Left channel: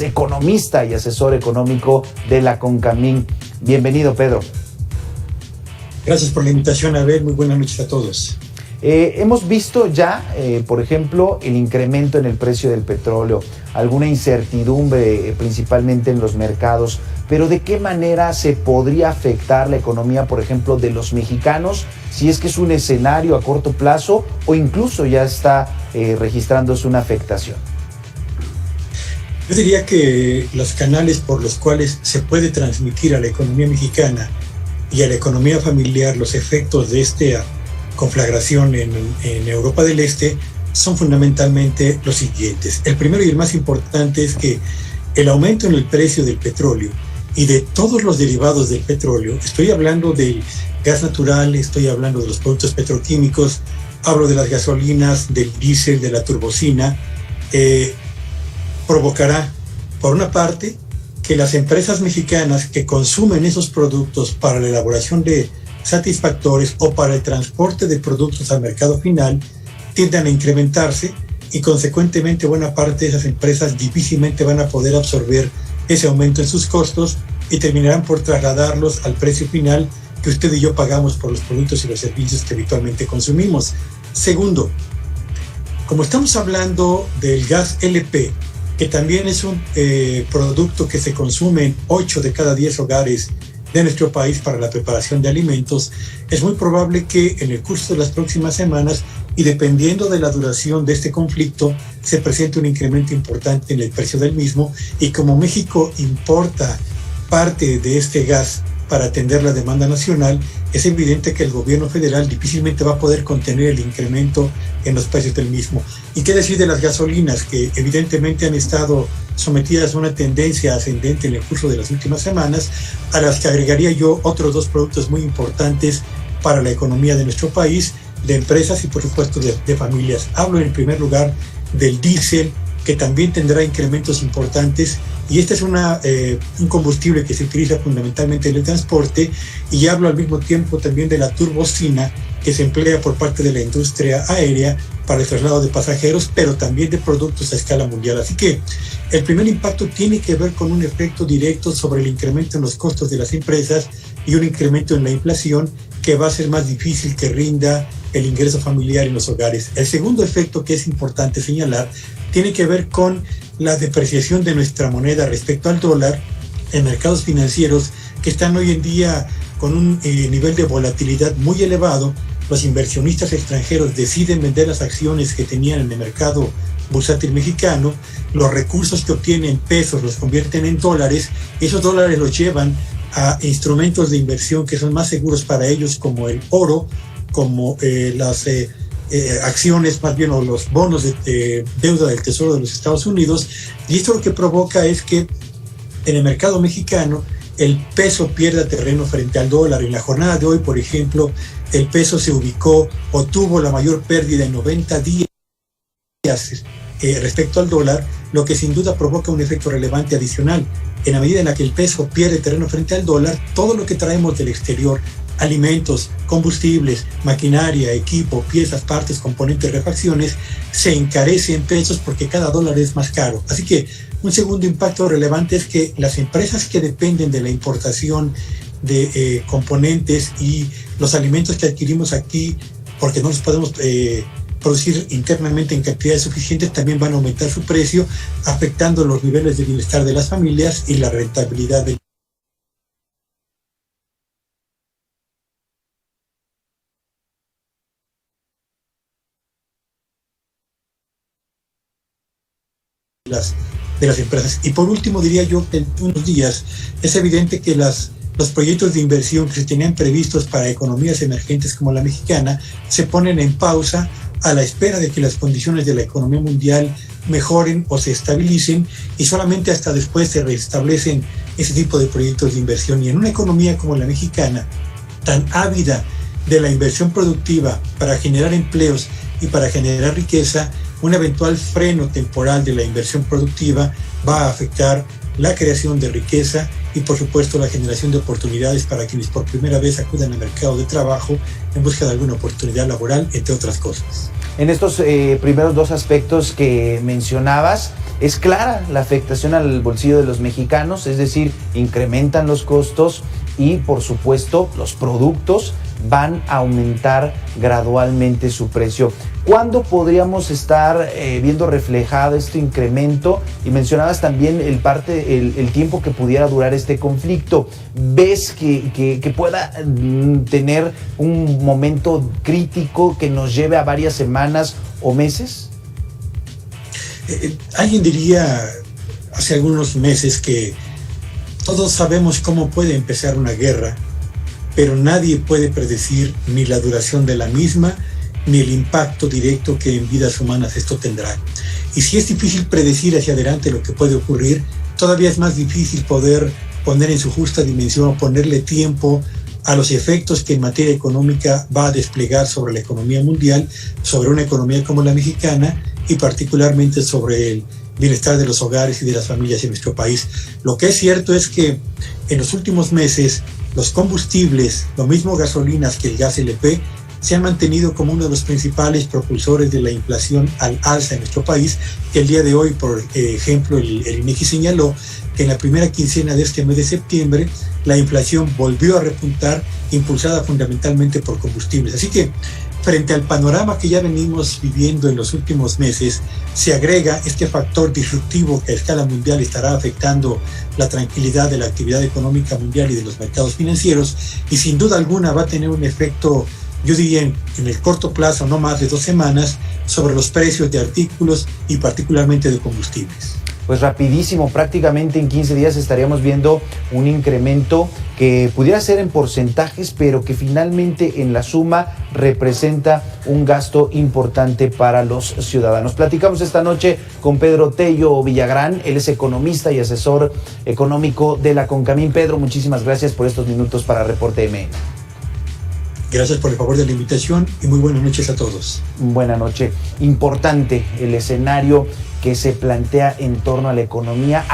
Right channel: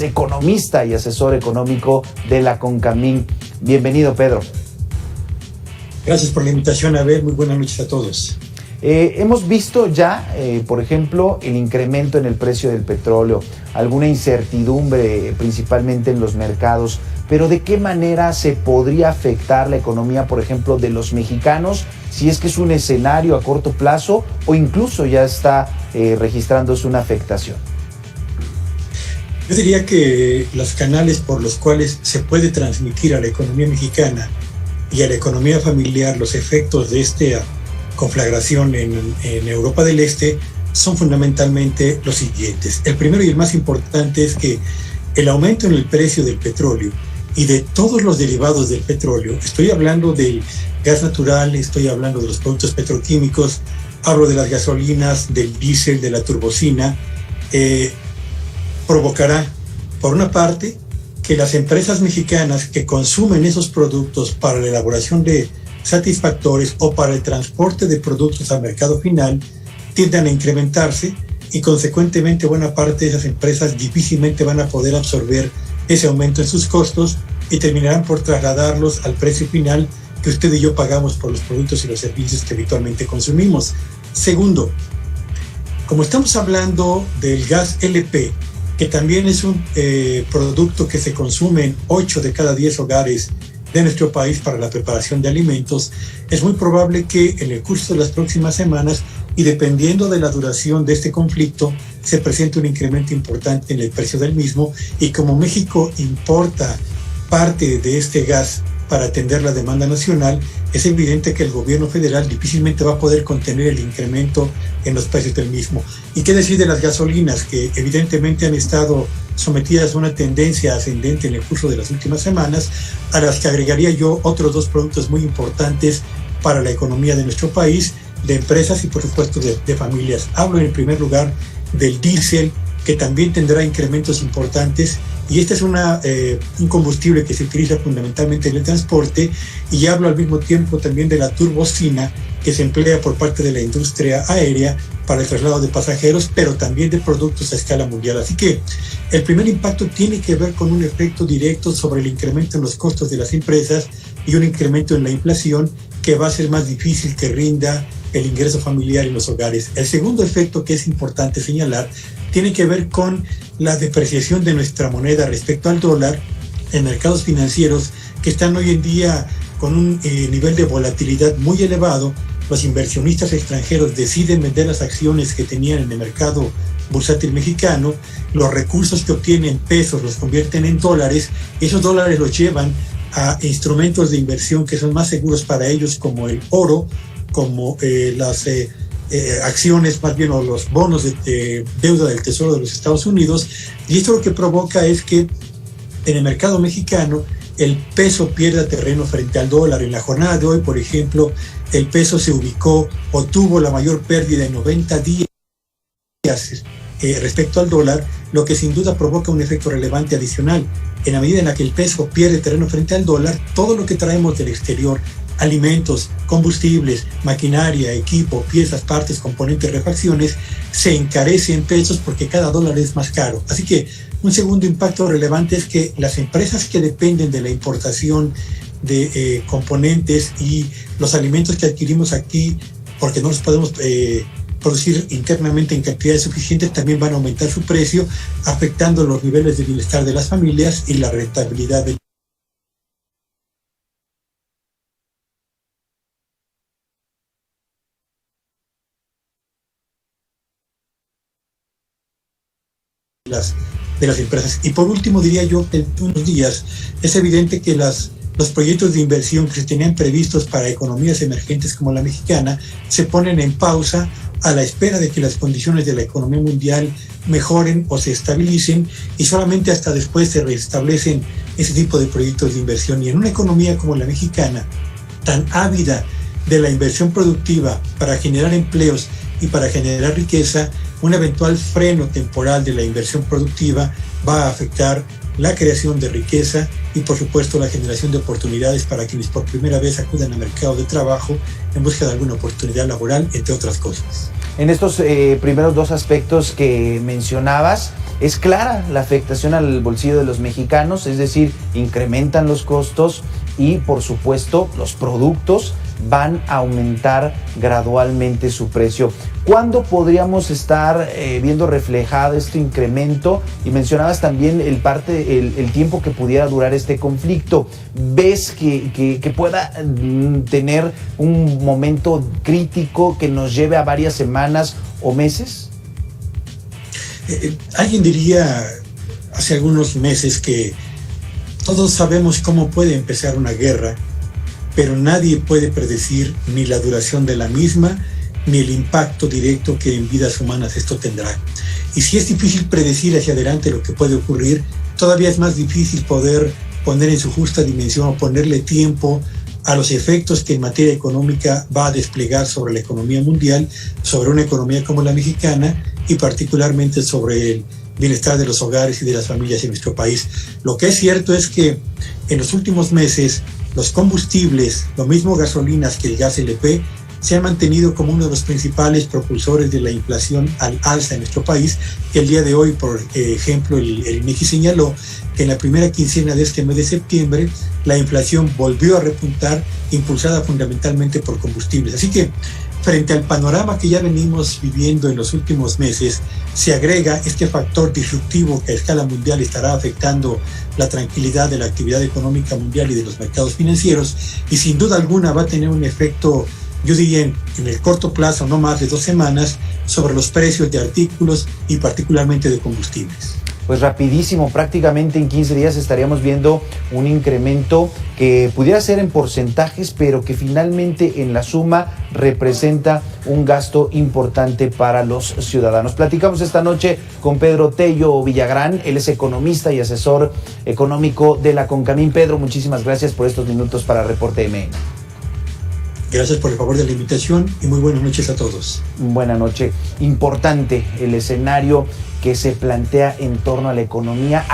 economista y asesor económico de la CONCAMIN. Bienvenido, Pedro. Gracias por la invitación, Abel. Muy buenas noches a todos. Hemos visto ya, por ejemplo, el incremento en el precio del petróleo, alguna incertidumbre principalmente en los mercados, pero ¿de qué manera se podría afectar la economía, por ejemplo, de los mexicanos, si es que es un escenario a corto plazo o incluso ya está registrándose una afectación? Yo diría que los canales por los cuales se puede transmitir a la economía mexicana y a la economía familiar los efectos de esta conflagración en Europa del Este son fundamentalmente los siguientes. El primero y el más importante es que el aumento en el precio del petróleo y de todos los derivados del petróleo, estoy hablando del gas natural, estoy hablando de los productos petroquímicos, hablo de las gasolinas, del diésel, de la turbocina, provocará, por una parte, que las empresas mexicanas que consumen esos productos para la elaboración de satisfactores o para el transporte de productos al mercado final tiendan a incrementarse y consecuentemente buena parte de esas empresas difícilmente van a poder absorber ese aumento en sus costos y terminarán por trasladarlos al precio final que usted y yo pagamos por los productos y los servicios que habitualmente consumimos. Segundo, como estamos hablando del gas LP, que también es un producto que se consume en 8 de cada 10 hogares de nuestro país para la preparación de alimentos, es muy probable que en el curso de las próximas semanas y dependiendo de la duración de este conflicto se presente un incremento importante en el precio del mismo, y como México importa parte de este gas para atender la demanda nacional, es evidente que el gobierno federal difícilmente va a poder contener el incremento en los precios del mismo. ¿Y qué decir de las gasolinas, que evidentemente han estado sometidas a una tendencia ascendente en el curso de las últimas semanas, a las que agregaría yo otros dos productos muy importantes para la economía de nuestro país, de empresas y por supuesto de familias? Hablo en primer lugar del diésel, que también tendrá incrementos importantes, y este es un combustible que se utiliza fundamentalmente en el transporte, y hablo al mismo tiempo también de la turbocina, que se emplea por parte de la industria aérea para el traslado de pasajeros, pero también de productos a escala mundial. Así que el primer impacto tiene que ver con un efecto directo sobre el incremento en los costos de las empresas y un incremento en la inflación que va a ser más difícil que rinda el ingreso familiar en los hogares. El segundo efecto que es importante señalar tiene que ver con la depreciación de nuestra moneda respecto al dólar en mercados financieros que están hoy en día con un nivel de volatilidad muy elevado. Los inversionistas extranjeros deciden vender las acciones que tenían en el mercado bursátil mexicano, los recursos que obtienen en pesos los convierten en dólares, y esos dólares los llevan a instrumentos de inversión que son más seguros para ellos, como el oro, como las acciones más bien, o los bonos de deuda del Tesoro de los Estados Unidos. Y esto lo que provoca es que en el mercado mexicano el peso pierda terreno frente al dólar. En la jornada de hoy, por ejemplo, el peso se ubicó o tuvo la mayor pérdida en 90 días respecto al dólar, lo que sin duda provoca un efecto relevante adicional. En la medida en la que el peso pierde terreno frente al dólar, todo lo que traemos del exterior, alimentos, combustibles, maquinaria, equipo, piezas, partes, componentes, refacciones, se encarece en pesos porque cada dólar es más caro. Así que un segundo impacto relevante es que las empresas que dependen de la importación de componentes y los alimentos que adquirimos aquí, porque no los podemos producir internamente en cantidades suficientes, también van a aumentar su precio, afectando los niveles de bienestar de las familias y la rentabilidad de las empresas. Y por último diría yo que en unos días es evidente que los proyectos de inversión que se tenían previstos para economías emergentes como la mexicana se ponen en pausa a la espera de que las condiciones de la economía mundial mejoren o se estabilicen, y solamente hasta después se restablecen ese tipo de proyectos de inversión. Y en una economía como la mexicana, tan ávida de la inversión productiva para generar empleos y para generar riqueza, un eventual freno temporal de la inversión productiva va a afectar la creación de riqueza y, por supuesto, la generación de oportunidades para quienes por primera vez acudan al mercado de trabajo en busca de alguna oportunidad laboral, entre otras cosas. En estos primeros dos aspectos que mencionabas, es clara la afectación al bolsillo de los mexicanos, es decir, incrementan los costos y por supuesto los productos van a aumentar gradualmente su precio. ¿Cuándo podríamos estar viendo reflejado este incremento? Y mencionabas también el tiempo que pudiera durar este conflicto. ¿Ves que pueda tener un momento crítico que nos lleve a varias semanas o meses? Alguien diría hace algunos meses que todos sabemos cómo puede empezar una guerra, pero nadie puede predecir ni la duración de la misma, ni el impacto directo que en vidas humanas esto tendrá. Y si es difícil predecir hacia adelante lo que puede ocurrir, todavía es más difícil poder poner en su justa dimensión o ponerle tiempo a los efectos que en materia económica va a desplegar sobre la economía mundial, sobre una economía como la mexicana y particularmente sobre el bienestar de los hogares y de las familias en nuestro país. Lo que es cierto es que en los últimos meses los combustibles, lo mismo gasolinas que el gas LP, se han mantenido como uno de los principales propulsores de la inflación al alza en nuestro país. El día de hoy, por ejemplo, el INEGI señaló que en la primera quincena de este mes de septiembre la inflación volvió a repuntar, impulsada fundamentalmente por combustibles. Así que frente al panorama que ya venimos viviendo en los últimos meses, se agrega este factor disruptivo que a escala mundial estará afectando la tranquilidad de la actividad económica mundial y de los mercados financieros, y sin duda alguna va a tener un efecto, yo diría en el corto plazo, no más de 2 semanas, sobre los precios de artículos y particularmente de combustibles. Pues rapidísimo, prácticamente en 15 días estaríamos viendo un incremento que pudiera ser en porcentajes, pero que finalmente en la suma representa un gasto importante para los ciudadanos. Platicamos esta noche con Pedro Tello Villagrán, él es economista y asesor económico de la CONCAMIN. Pedro, muchísimas gracias por estos minutos para Reporte MN. Gracias por el favor de la invitación y muy buenas noches a todos. Buenas noches. Importante el escenario que se plantea en torno a la economía.